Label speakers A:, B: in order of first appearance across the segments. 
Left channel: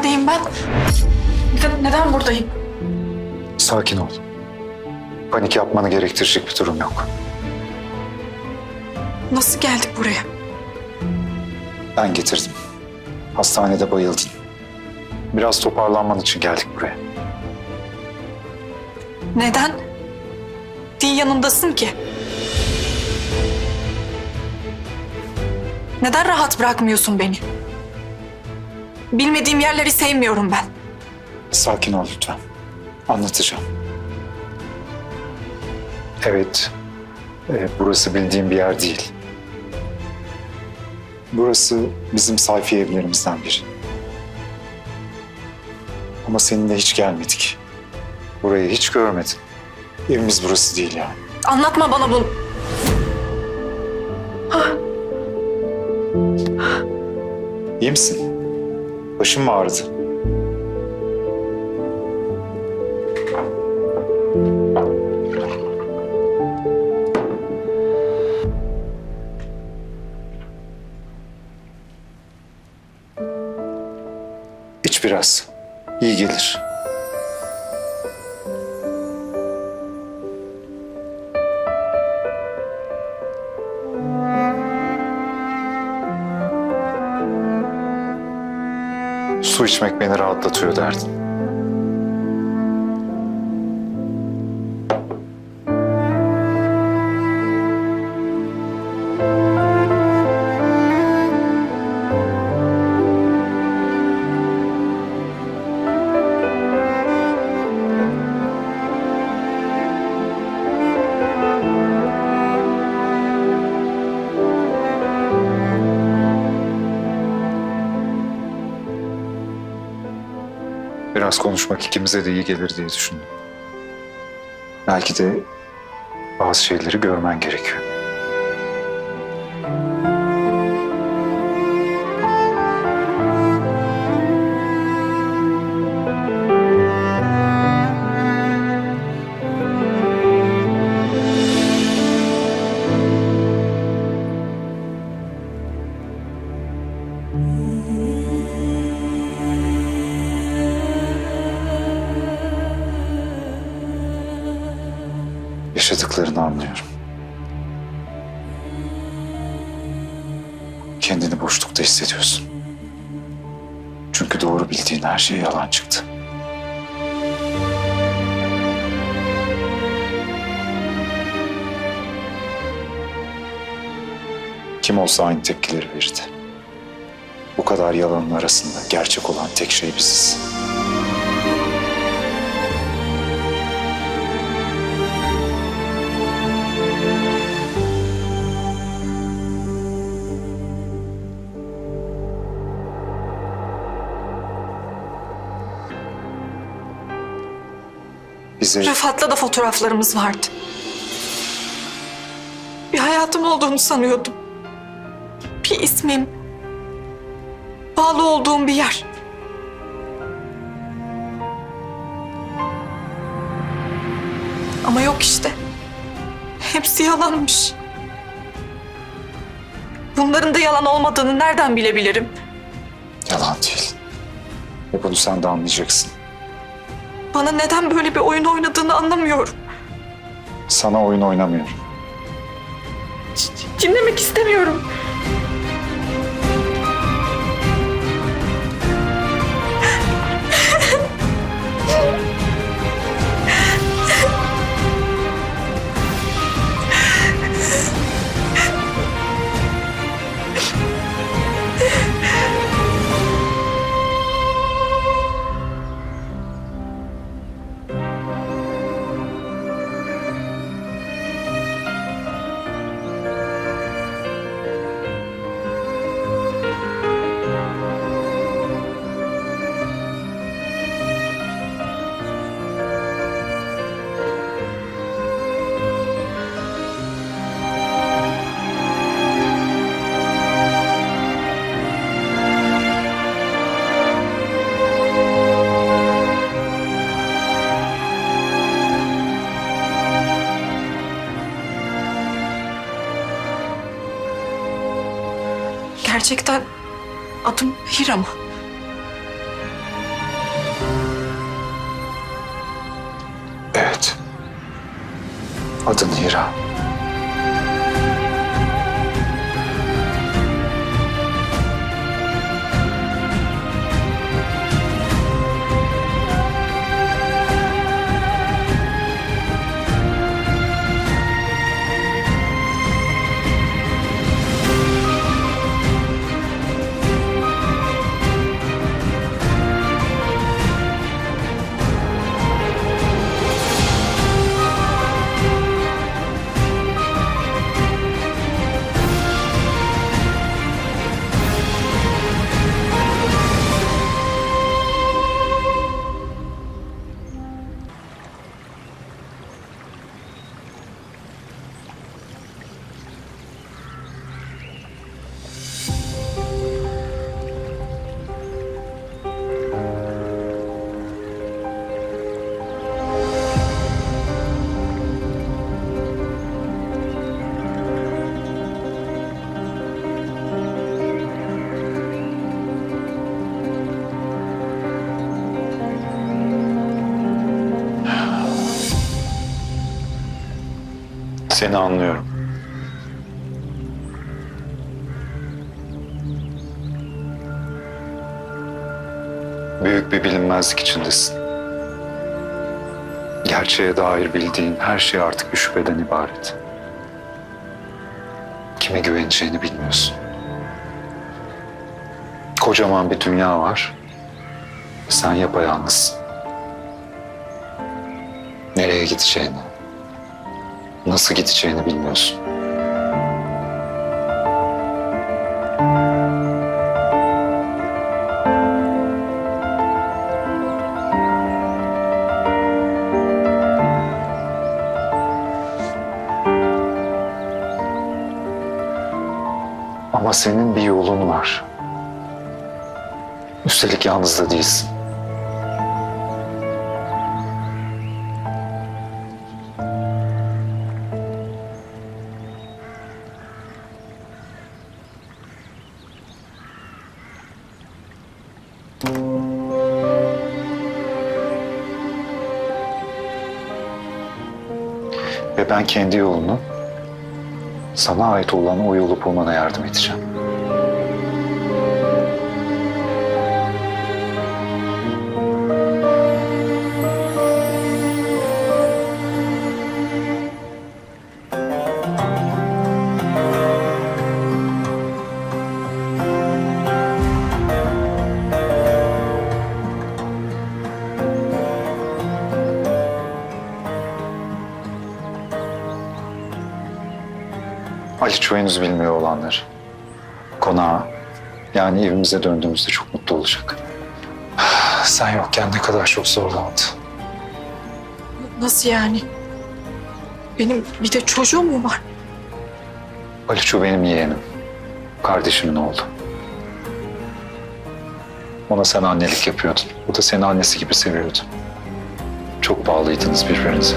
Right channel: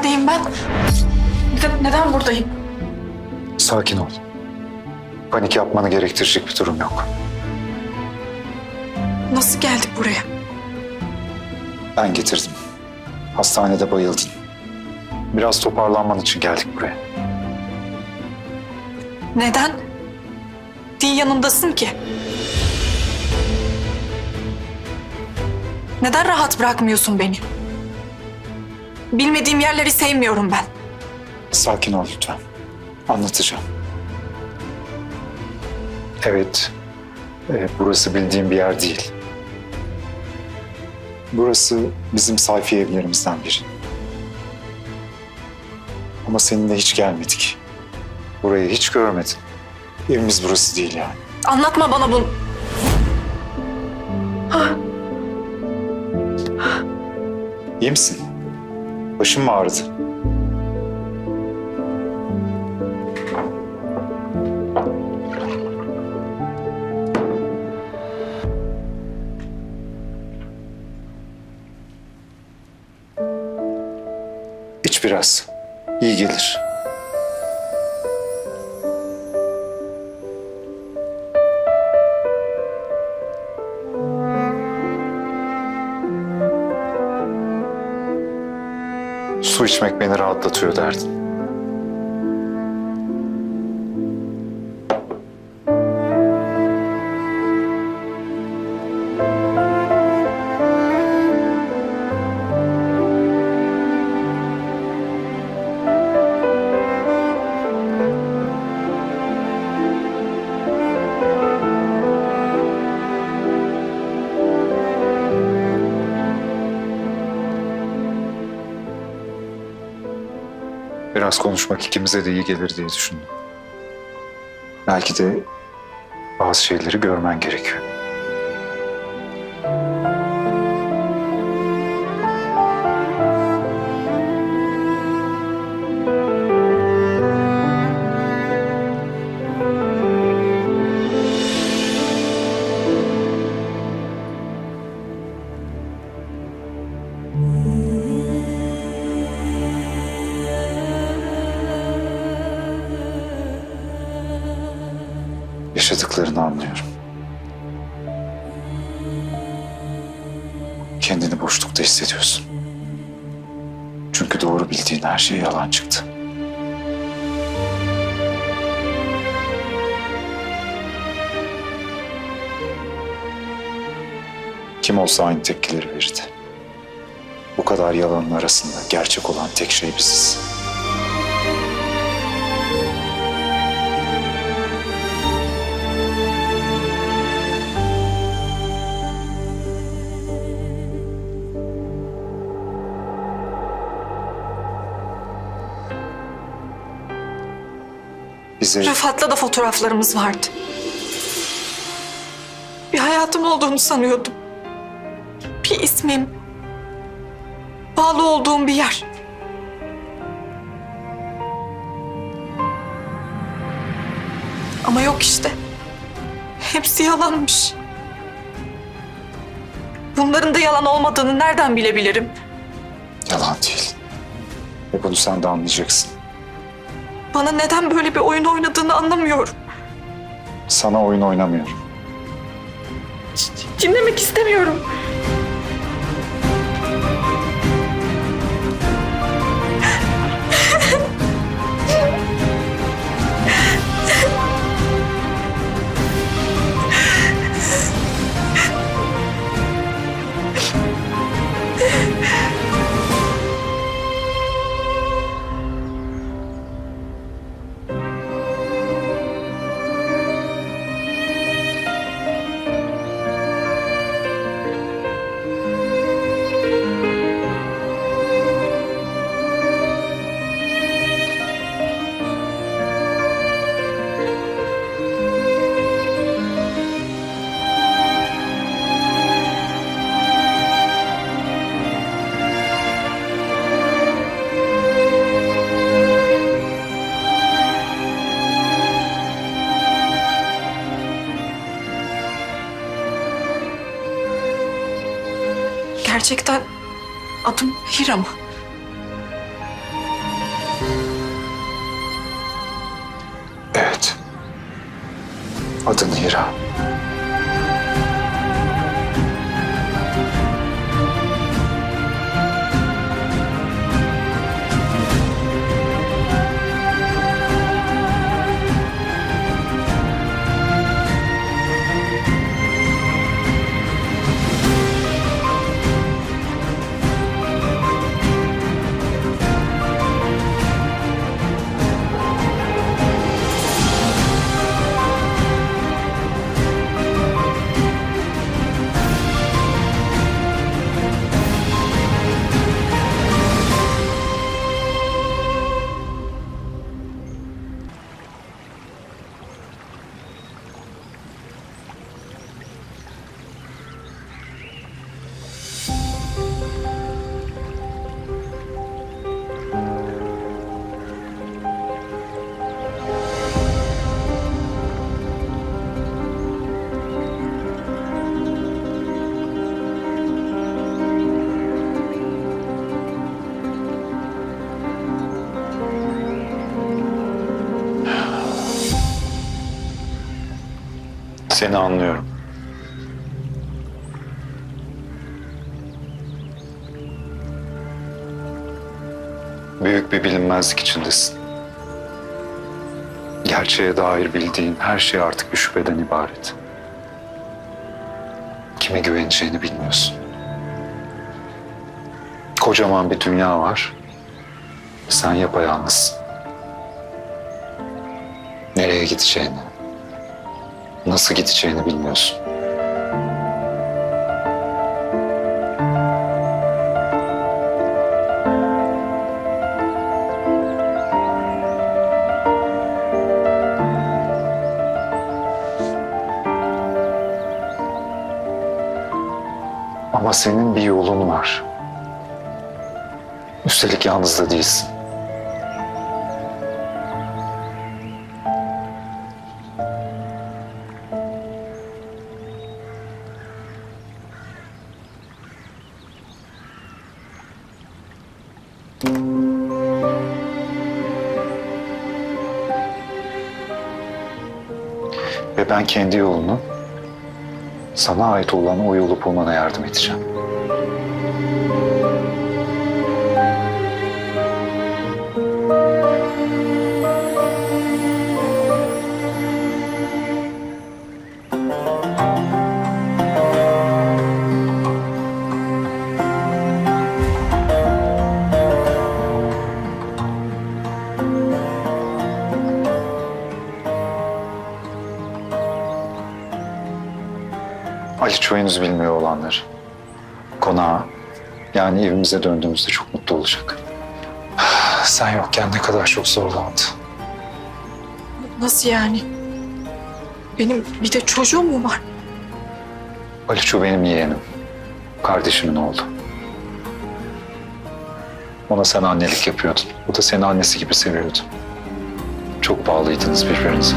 A: Neredeyim ben? Neden, neden buradayım?
B: Sakin ol. Panik yapmanı gerektirecek bir durum yok.
A: Nasıl geldik buraya?
B: Ben getirdim. Hastanede bayıldın. Biraz toparlanman için geldik buraya.
A: Neden? Din yanındasın ki. Neden rahat bırakmıyorsun beni? Bilmediğim yerleri sevmiyorum ben.
B: Sakin ol lütfen. Anlatacağım. Evet, e, burası bildiğim bir yer değil. Burası bizim sayfi evlerimizden biri. Ama seninle hiç gelmedik. Burayı hiç görmedin. Evimiz burası değil yani.
A: Anlatma bana bunu.
B: İyi misin? Başın mı ağrıdı? İç biraz. İyi gelir. Su içmek beni rahatlatıyor derdin. Biraz konuşmak ikimize de iyi gelir diye düşündüm. Belki de bazı şeyleri görmen gerekiyor. Kendini boşlukta hissediyorsun. Çünkü doğru bildiğin her şey yalan çıktı. Kim olsa aynı tepkileri verirdi. Bu kadar yalanın arasında gerçek olan tek şey biziz. Bize
A: Rıfat'la da fotoğraflarımız vardı. Bir hayatım olduğunu sanıyordum. Bir ismim. Bağlı olduğum bir yer. Ama yok işte. Hepsi yalanmış. Bunların da yalan olmadığını nereden bilebilirim?
B: yalan değil. Ve bunu sen de anlayacaksın.
A: Bana neden böyle bir oyun oynadığını anlamıyorum.
B: Sana oyun oynamıyorum.
A: Dinlemek istemiyorum. Gerçekten adım Hira mı? Evet.
B: Adın Hira. Seni anlıyorum. Büyük bir bilinmezlik içindesin. Gerçeğe dair bildiğin her şey artık bir şüpheden ibaret. Kime güveneceğini bilmiyorsun. Kocaman bir dünya var. Sen yapayalnızsın. Nereye gideceğini, nasıl gideceğini bilmiyorsun. Ama senin bir yolun var. Üstelik yalnız da değilsin. Ben kendi yolunu sana ait olan o yolu bulmana yardım edeceğim. Aliço henüz bilmiyor olanları. Konağa, yani evimize döndüğümüzde çok mutlu olacak. Sen yokken ne kadar çok zorlandı.
A: Nasıl yani? Benim bir de çocuğum mu var?
B: Aliço benim yeğenim. Kardeşimin oğlu. Ona sen annelik yapıyordun. O da seni annesi gibi seviyordu. Çok bağlıydınız birbirinize.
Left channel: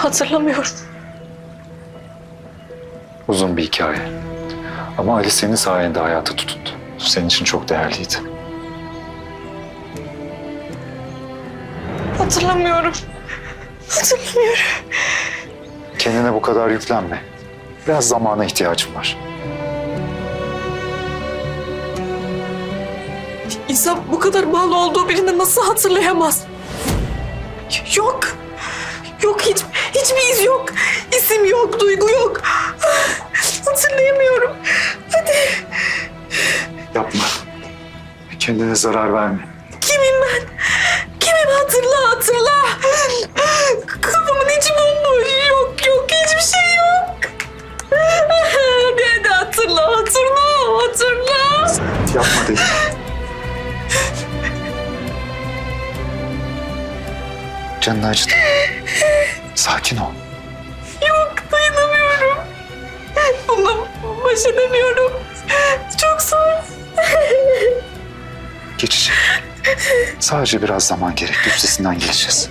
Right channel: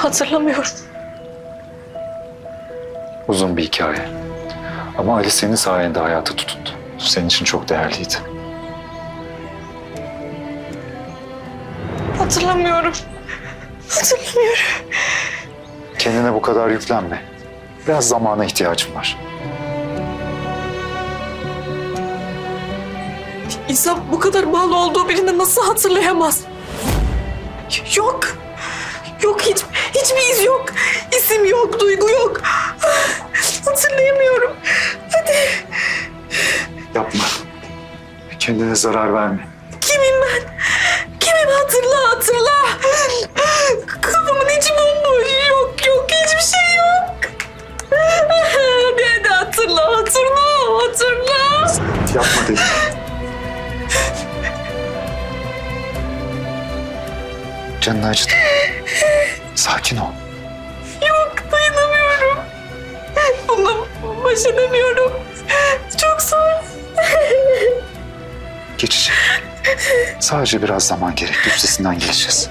A: Hatırlamıyorum.
B: Uzun bir hikaye. Ama Ali senin sayende hayata tutundu. Senin için çok değerliydi.
A: Hatırlamıyorum. Hatırlamıyorum.
B: Kendine bu kadar yüklenme. Biraz zamana ihtiyacım var.
A: İnsan bu kadar bağlı olduğu birini nasıl hatırlayamaz? Yok. Yok hiç, hiçbir iz yok. İsim yok, duygu yok. Hatırlayamıyorum. Hadi.
B: Yapma. Kendine zarar verme.
A: Kimim ben? Kimim hatırla hatırla. Kafamın içi bomboş. Yok yok hiçbir şey yok. Hadi hatırla hatırla hatırla.
B: Yapma dedim. Canını acıdı. Sakin ol.
A: Yok dayanamıyorum. Bununla baş edemiyorum. Çok zor.
B: Geçecek. Sadece biraz zaman gerek. Üstesinden geleceğiz.